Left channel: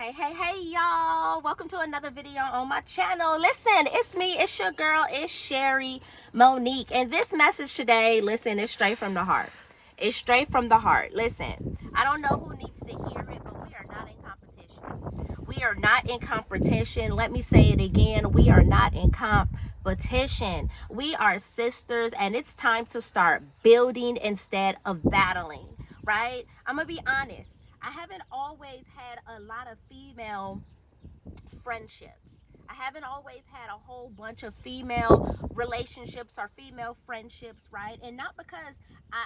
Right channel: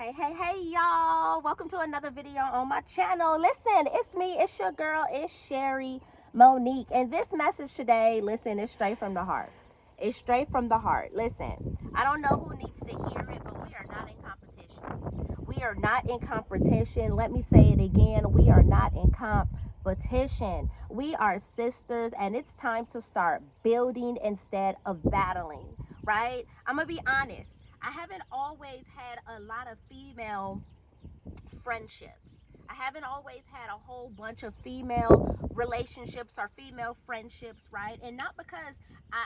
Hey y'all, welcome to another video on my channel. Listen, it's me, it's your girl, it's Sherry Monique, and this message today, listen, it's straight from the heart. It's straight from the heart. Listen, I don't know who needs to hear it, but we are not in competition. We are not in competition. Let me say it again. We are not in competition. We are sisters, and it's time to start building instead of battling, right? I'm gonna be honest. I haven't always had a lot of female friendships. I haven't always had a whole bunch of female relationships or female friendships, right? And not because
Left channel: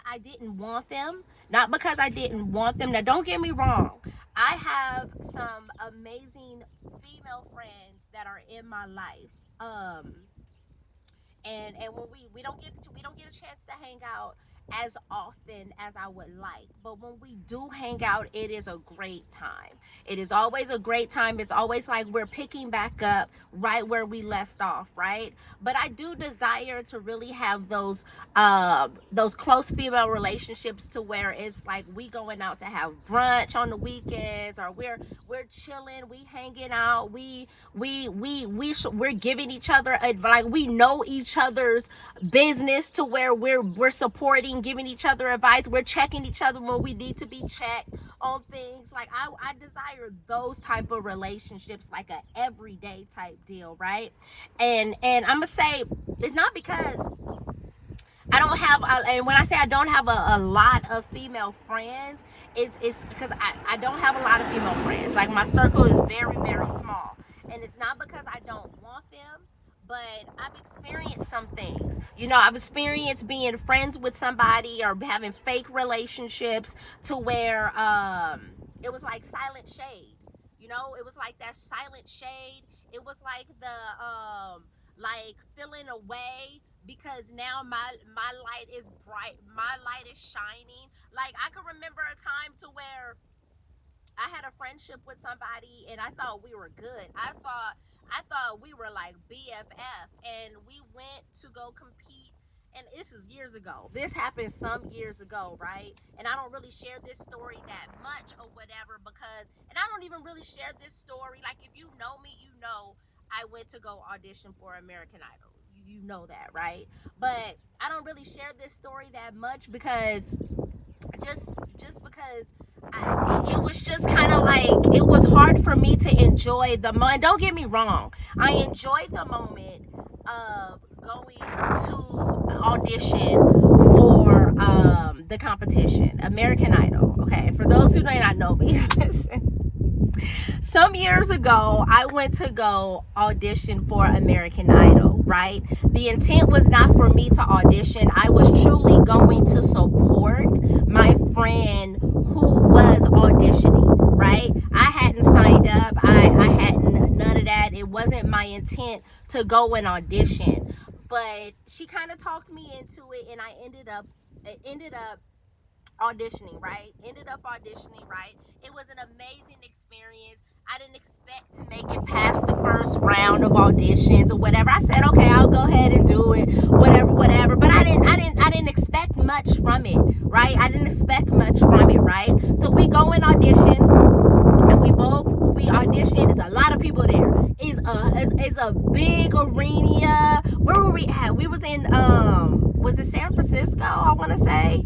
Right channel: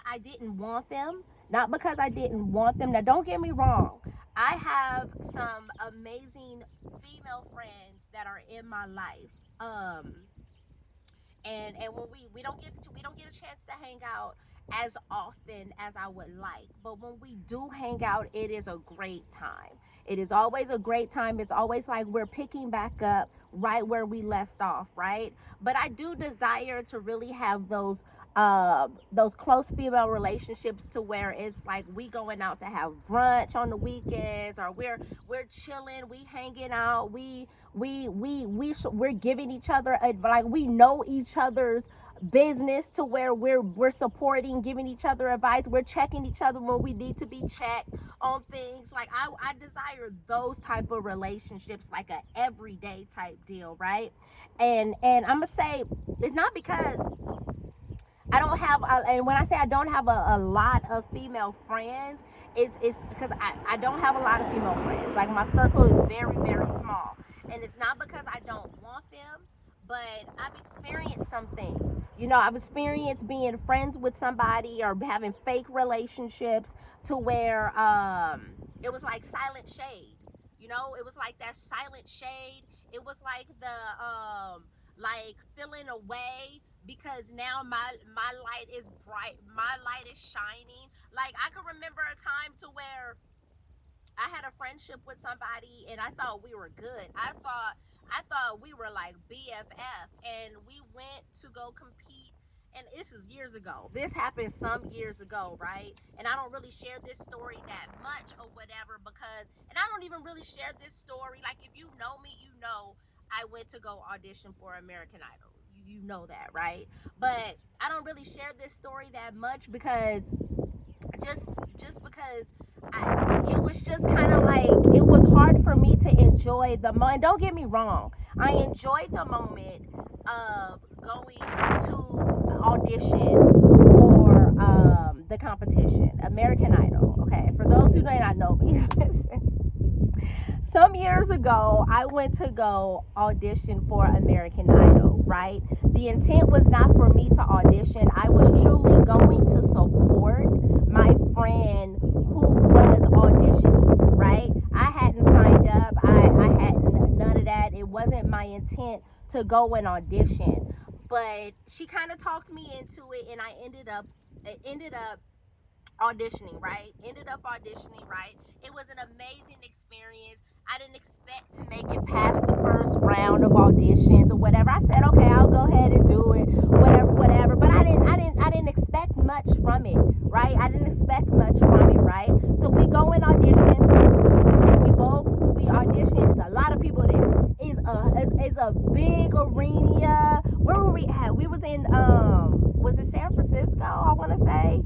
I didn't want them, not because I didn't want them. Now, don't get me wrong. I have some amazing female friends that are in my life. And when we don't get a chance to hang out as often as I would like, but when we do hang out, it is a great time. It is always a great time. It's always like we're picking back up right where we left off, right? But I do desire to really have those close female relationships to where it's like we going out to have brunch on the weekends, or we're chilling, we hanging out, we're giving each other advice, like we know each other's business to where we're supporting, giving each other advice, we're checking each other when we need to be checked on things. Like I desire those type of relationships, like a everyday type deal, right? And I'm gonna say it's not because I don't have and when I say I don't have a lot of female friends, it's because I don't have a lot of female friends. Like, my circle is very, very small, and it's not because I don't want them, but I've experienced some things. You know, I've experienced being friends with somebody or having fake relationships to where it was like silent shade. You know, it was like that silent shade. It was like the like feeling away because now my light is bright, my light is shining. Like, I can remember a time to where I had a friendship with somebody and I thought we were good. I thought we were like BFF, and we went to go compete. And this is years ago. This happened some years ago, right? And I don't really share this story that much or whatever because, and I don't even really share this story. Like, if you know me, you know I went to go audition for American Idol. You know that, right? But I don't really share this story that much because just because it was just kind of like, it was hard for me to enjoy the moment. Don't get me wrong, I enjoyed the moment of going to audition for the competition, American Idol. Okay, for those who may not know me, listen. Some years ago, I went to go audition for American Idol, right? The intent was not for me to audition. I was truly going to support my friend who was auditioning, right? I hadn't signed up. I hadn't, none of that. It wasn't my intent to go and audition. But she kind of talked me into it, and I ended up auditioning, right? It was an amazing experience. I didn't expect to make it past the first round of auditions or whatever. I said, okay, I'll go ahead and do it, whatever. But I didn't expect much from it, right? I didn't expect much from it, right? So we go and audition, and we audition. There's a lot of people there. It's a big arena. Where were we at? We was in was it San Francisco, I want to say?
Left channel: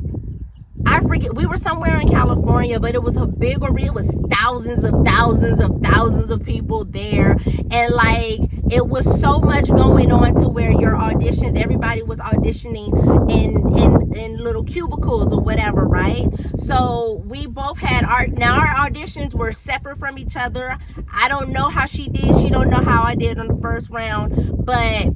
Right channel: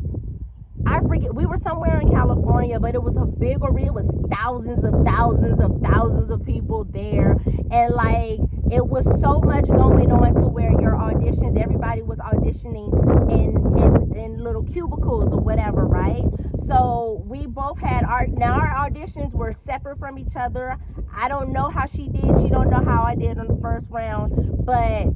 I forget. We were somewhere in California, but it was a big arena. It was thousands of people there, and like, it was so much going on to where your auditions, everybody was auditioning in little cubicles or whatever, right? So we both had our auditions were separate from each other. I don't know how she did. She don't know how I did on the first round, but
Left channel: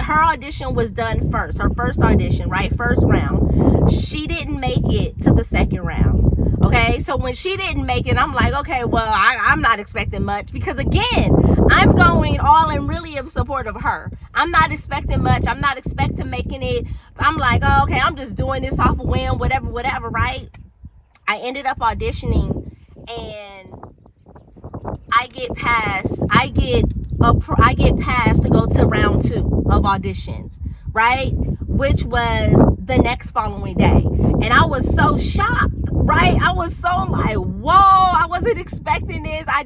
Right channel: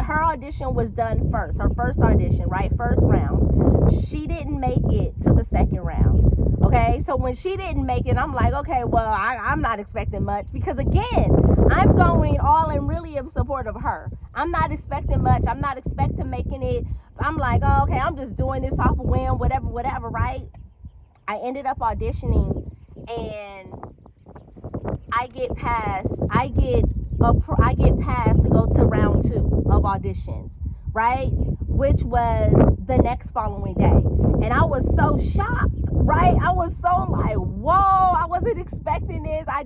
her audition was done first, her first audition, right? First round. She didn't make it to the second round. Okay, so when she didn't make it, I'm like, okay, well, I'm not expecting much, because again, I'm going all in really in support of her. I'm not expecting much. I'm not expecting making it. I'm like, oh, okay, I'm just doing this off a whim, whatever, right? I ended up auditioning, and I get passed to go to round 2 of auditions, right? Which was the next following day. And I was so shocked, right? I was so like, whoa, I was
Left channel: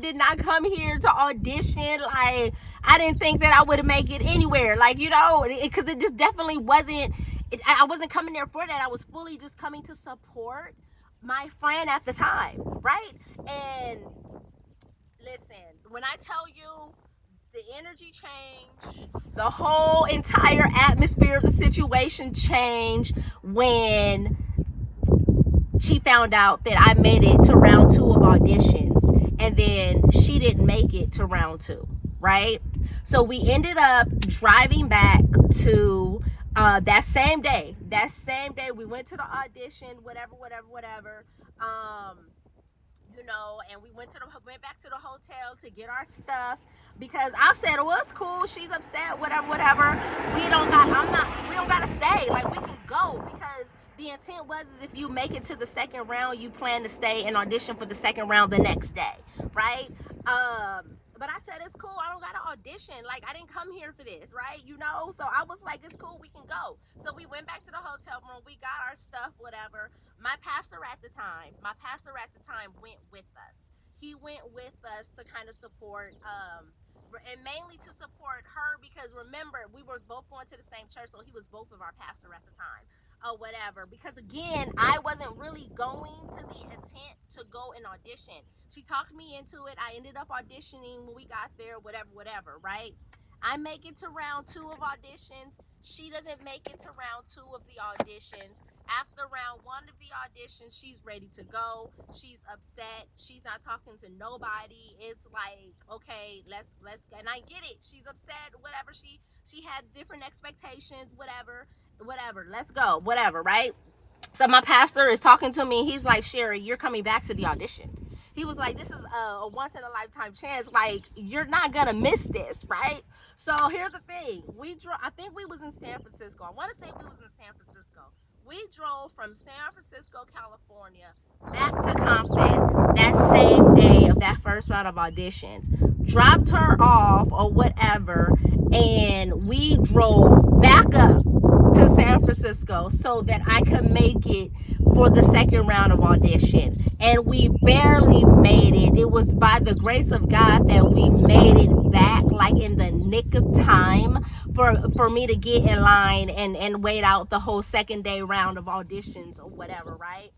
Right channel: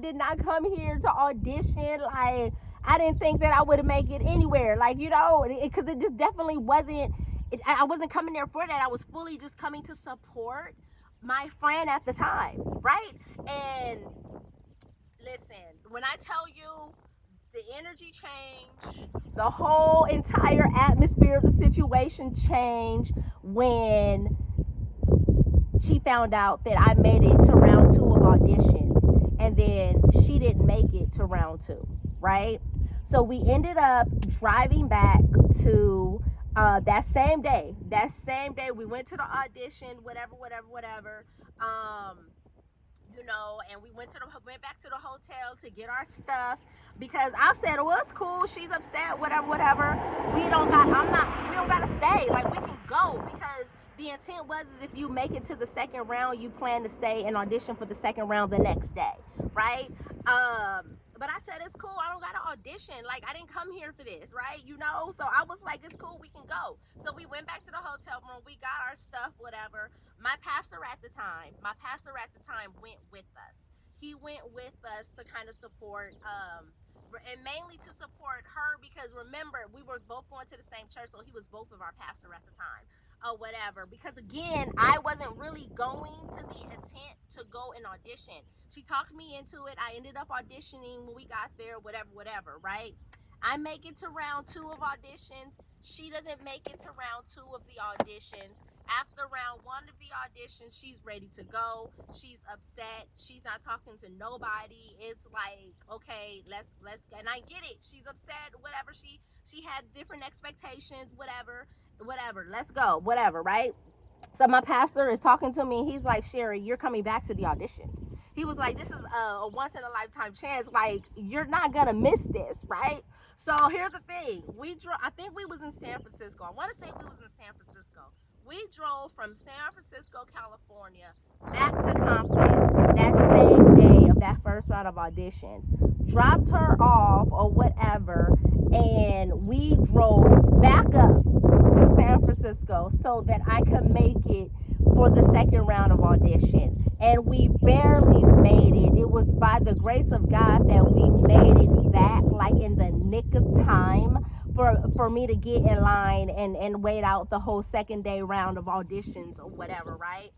did not come here to audition. Like, I didn't think that I would make it anywhere. Like, you know, because it just definitely wasn't. I wasn't coming there for that. I was fully just coming to support my friend at the time, right? And listen, when I tell you the energy changed, the whole entire atmosphere of the situation changed when she found out that I made it to round 2 of auditions, and then she didn't make it to round 2, right? So we ended up driving back to that same day. That same day, we went to the audition, whatever. You know, and we went back to the hotel to get our stuff, because I said, well, it's cool, she's upset, whatever. We don't gotta stay. Like, we can go, because the intent was, is if you make it to the second round, you plan to stay and audition for the second round the next day, right? But I said, it's cool, I don't gotta audition. Like, I didn't come here for this, right? You know, so I was like, it's cool, we can go. So we went back to the hotel room, we got our stuff, whatever. My pastor at the time went with us. He went with us to kind of support, and mainly to support her, because remember, we were both going to the same church, so he was both of our pastor at the time. Or whatever, because again, I wasn't really going to the intent to go and audition. She talked me into it. I ended up auditioning when we got there, whatever, right? I make it to round 2 of auditions. She doesn't make it to round 2 of the auditions. After round 1 of the auditions, she's ready to go. She's upset. She's not talking to nobody. It's like, okay, let's, and I get it. She's upset, whatever. She had different expectations, whatever, let's go, whatever, right? So my pastor is talking to me. He's like, Sherry, you're coming back to the audition. He was like, this is a once in a lifetime chance. Like, you're not gonna miss this, right? So here's the thing. I think we was in San Francisco. I want to say we was in San Francisco. We drove from San Francisco, California, back to Compton that same day of that first round of auditions. Dropped her off or whatever, and we drove back up to San Francisco so that I could make it for the second round of auditions. And we barely made it. It was by the grace of God that we made it back, like in the nick of time, for me to get in line and wait out the whole second day round of auditions or whatever, right?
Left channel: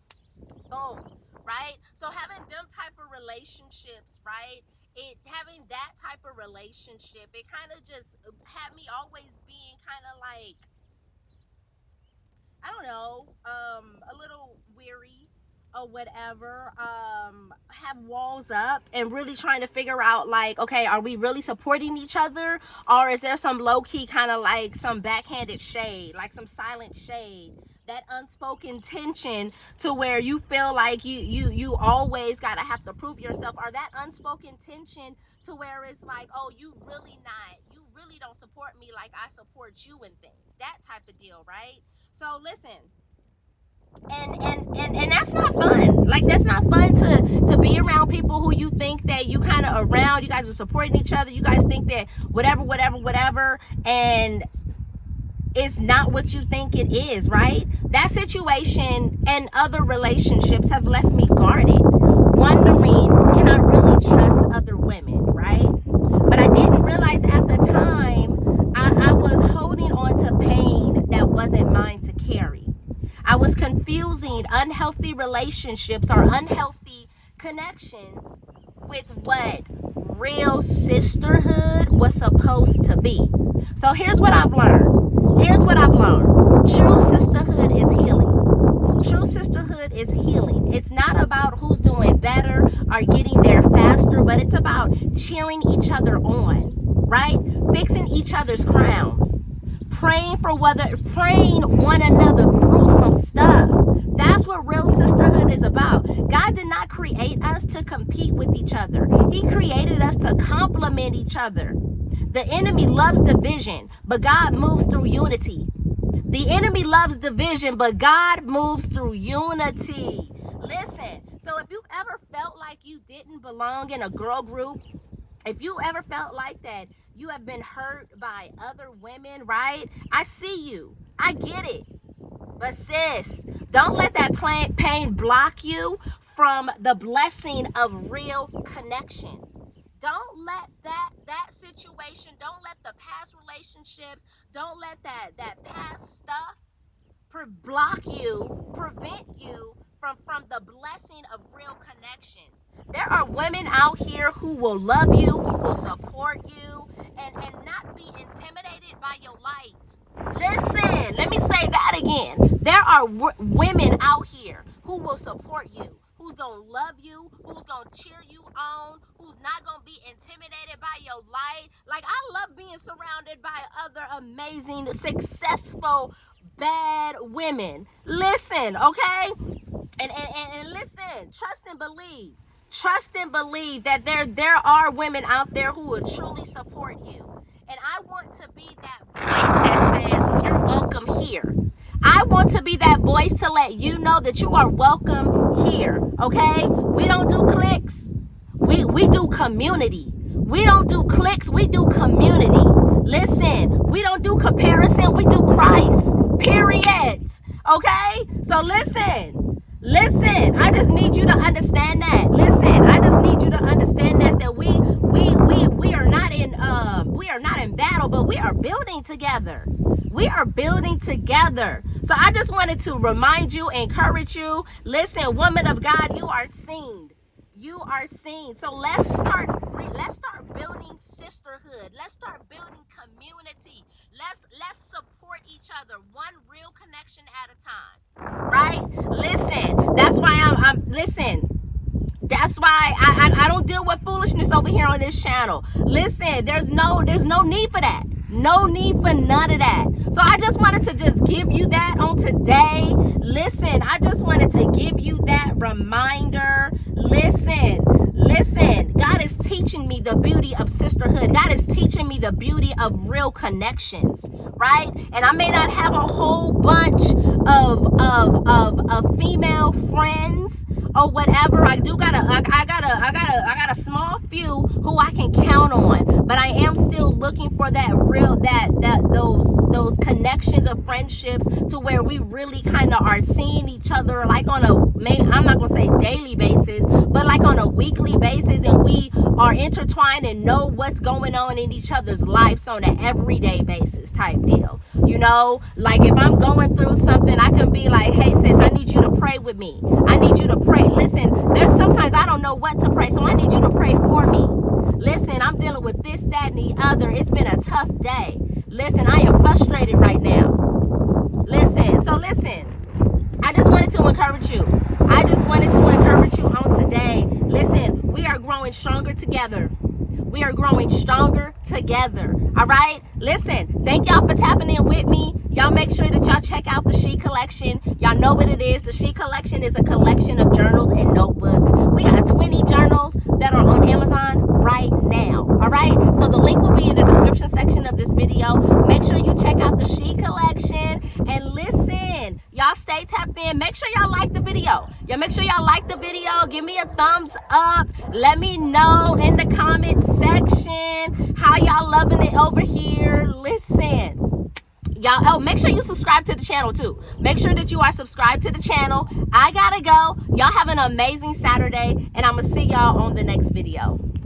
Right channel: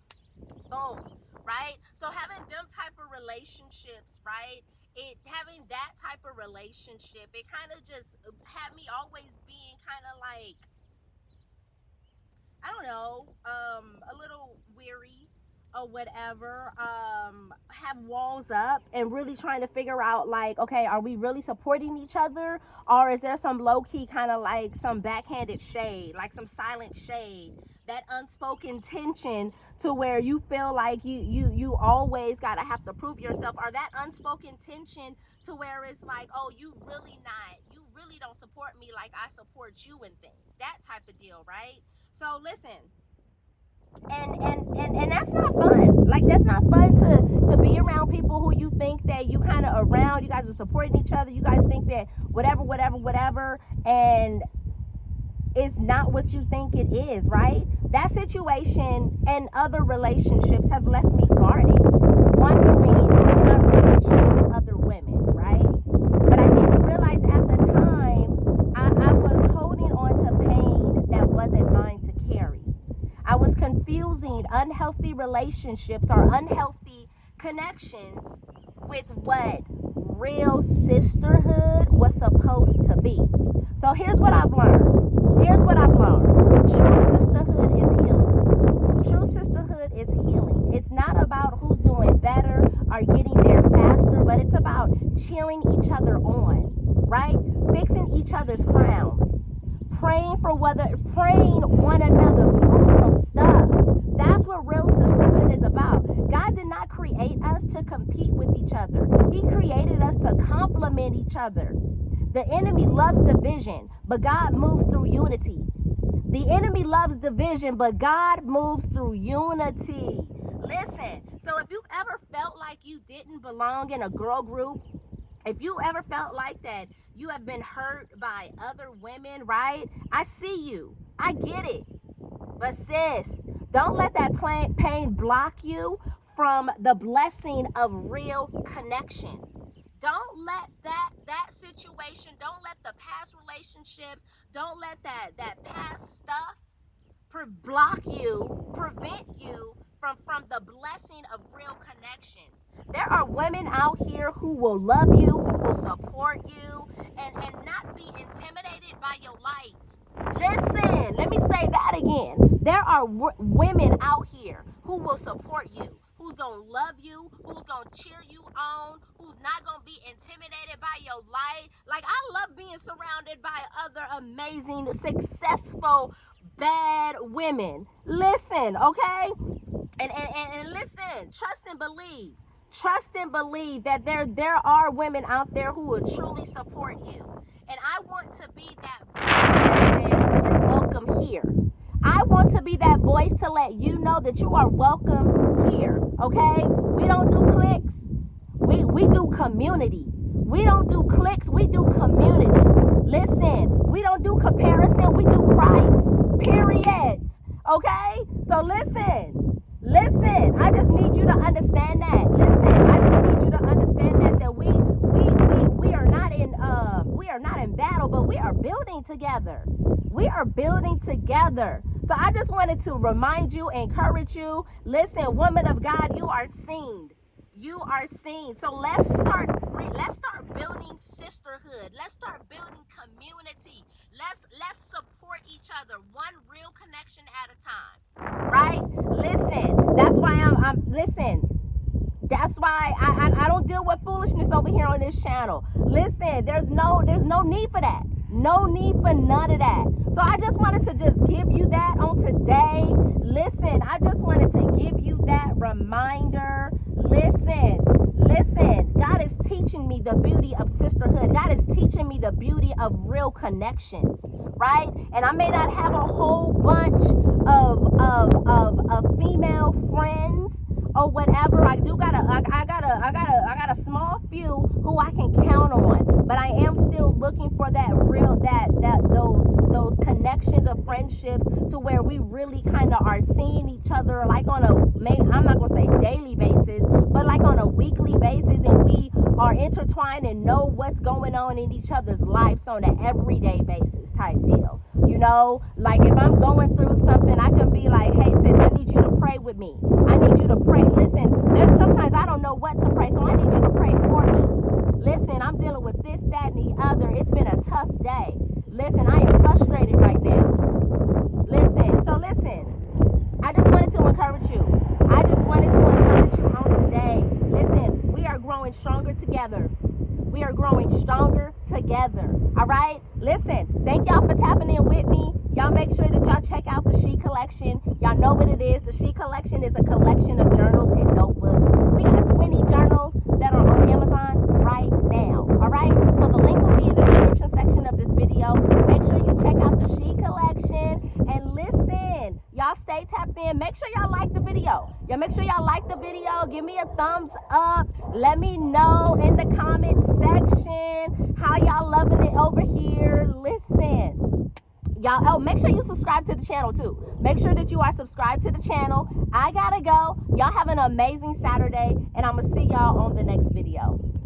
Boom, right? So having them type of relationships, right? Having that type of relationship, it kind of just had me always being kind of like, I don't know, a little weary or whatever, have walls up and really trying to figure out, like, okay, are we really supporting each other, or is there some low-key kind of like some backhanded shade, like some silent shade, that unspoken tension to where you feel like you always gotta have to prove yourself, or that unspoken tension to where it's like, oh, you really don't support me like I support you in things, that type of deal, right? So listen, and that's not fun. Like, that's not fun to be around people who you think that you kind of around, you guys are supporting each other, you guys think that whatever, and it's not what you think it is, right? That situation and other relationships have left me guarded, wondering, can I really trust other women, right? But I didn't realize at the time I was holding on to pain that wasn't mine to carry. I was confusing unhealthy relationships or unhealthy connections with what real sisterhood was supposed to be. So here's what I've learned. True sisterhood is healing. True sisterhood is healing. It's not about who's doing better or getting there faster, but it's about cheering each other on, right? Fixing each other's crowns. Praying one another through some stuff. That's what real sisterhood is about. God did not create us to compete with each other. He created us to complement each other. The enemy loves division, but God moves through unity. The enemy loves division, but God moves through unity. Listen, so if you've ever felt like you didn't belong in a girl group, if you ever felt like that, you have been hurt by other women, right? I see you. I get it. But sis, don't let that pain block you from the blessing of real connection. Don't let that situation, don't let the past relationships, don't let that past stuff block you, prevent you from the blessing of real connection. There are women out here who will love you, who will support you, and not be intimidated by your light. Listen, let me say that again. There are women out here who will support you, who's gonna love you, who's gonna cheer you on, who's not gonna be intimidated by your light. Like, I love being surrounded by other amazing, successful, bad women. Listen, okay? And listen, trust and believe. Trust and believe that there are women out there who will truly support you. And I want to be that voice that says, you're welcome here. I want to be that voice to let you know that you are welcome here, okay? We don't do cliques. We do community. We don't do cliques, we do community. Listen, we don't do comparison, we do Christ. Period. Okay? So listen, I just need you to understand that. Listen, I just need you to understand that we are not in battle, but we are building together. We are building together. So I just wanted to remind you, encourage you. Listen, woman of God, you are seen. You are seen. So let's start building sisterhood. Let's start building community. Let's support each other, one real connection at a time. Right? Listen, that's why that's why I don't deal with foolishness over here on this channel. Listen, there's no need for that. No need for none of that. So I just wanted to just give you that on today. Listen, I just wanted to give you that reminder. Listen, God is teaching me the beauty of sisterhood. God is teaching me the beauty of real connections, right? And I may not have a whole bunch of female friends or whatever. I got a small few who I can count on, but I am still looking for those connections of friendships to where we really kind of are seeing each other like on I'm not gonna say daily basis, but like on a weekly basis, and we are intertwined and know what's going on in each other's lives on an everyday basis type deal. You know, like if I'm going through something, I can be like, hey sis, I need you to pray with me. I need you to pray. Listen, there's sometimes I don't know what to pray, so I need you to pray for me. Listen, I'm dealing with this, that, and the other. It's been a tough day. Listen, I am frustrated right now. Listen, I just wanted to encourage you. I just wanted to encourage you on today. Listen, we are growing stronger together. We are growing stronger together. All right? Listen, thank y'all for tapping in with me. Y'all make sure that y'all check out the She Collection. Y'all know what it is. The She Collection is a collection of journals and notebooks. We got 20 journals that are on Amazon right now. All right? So the link will be in the description section of this video. Make sure you check out the She Collection. And listen, y'all stay tapped in. Make sure y'all like the video. Make sure y'all like the video. Give me a thumbs up. Let me know in the comment section how y'all loving it over here. Listen, y'all, make sure you subscribe to the channel too. Make sure that you are subscribed to the channel. I gotta go. Y'all have an amazing Saturday, and I'm gonna see y'all on the next video.